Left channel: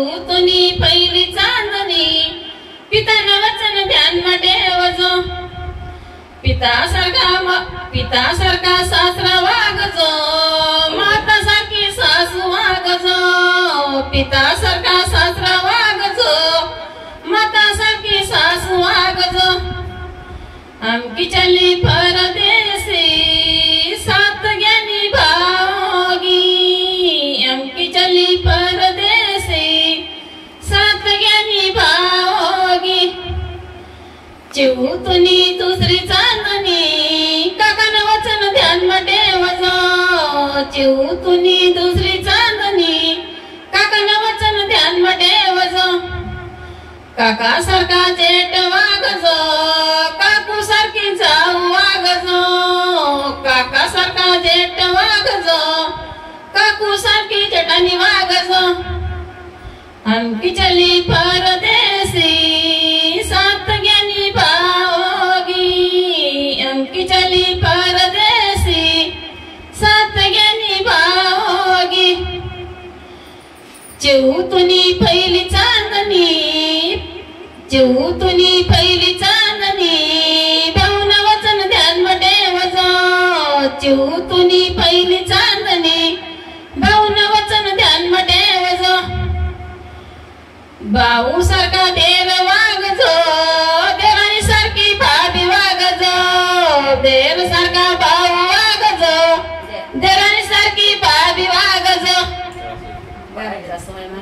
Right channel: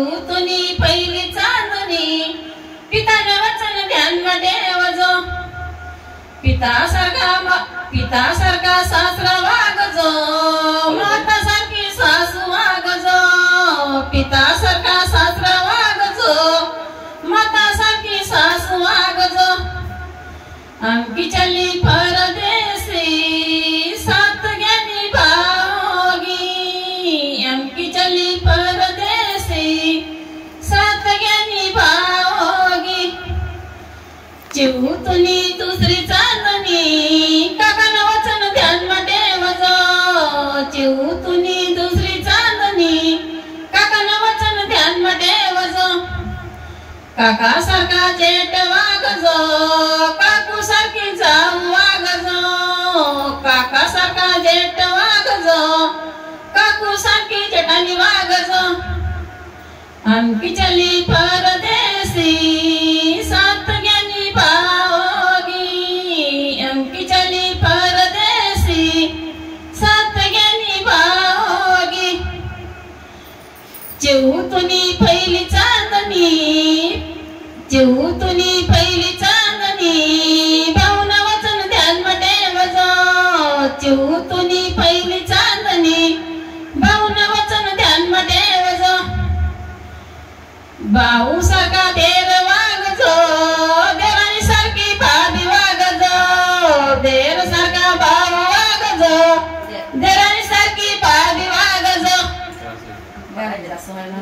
चिवतुनी पहिली चांदणी पिताना वचन ध्यान ठेवजो पिता सारखा सासरा वागजो माता सारखी सासू वागजो पिता सारखा सासरा वागजो माता सारखी सासू वागजो आमकी चली परदेसी सात ज्ञानी भावगी आमकी चली परदेसी सात ज्ञानी भावगी चिवतुनी दुसरी चांदणी काकानं वचन ध्यान ठेवजो चिवतुनी दुसरी चांदणी काकानं वचन ध्यान ठेवजो काका सारखा जेठ वागजो काकू सारखी जाऊ वागजो काका सारखा जेठ वागजो काकू सारखी जेठानी वागजो आमकी चली परदेसी सात ज्ञानी भावगी आमकी चली परदेसी सात ज्ञानी भावगी चिवतुनी पहिली चांदणी चिवतुनी पहिली चांदणी भावना वचन ध्यान ठेवजो चिवतुनी पहिली चांदणी भावना वचन ध्यान ठेवजो भाऊ सारखा देर वागजो देराणी सारखी भाभी वागजो देर सारखा भाऊ वागजो देराणी सारखी भाभी वागजो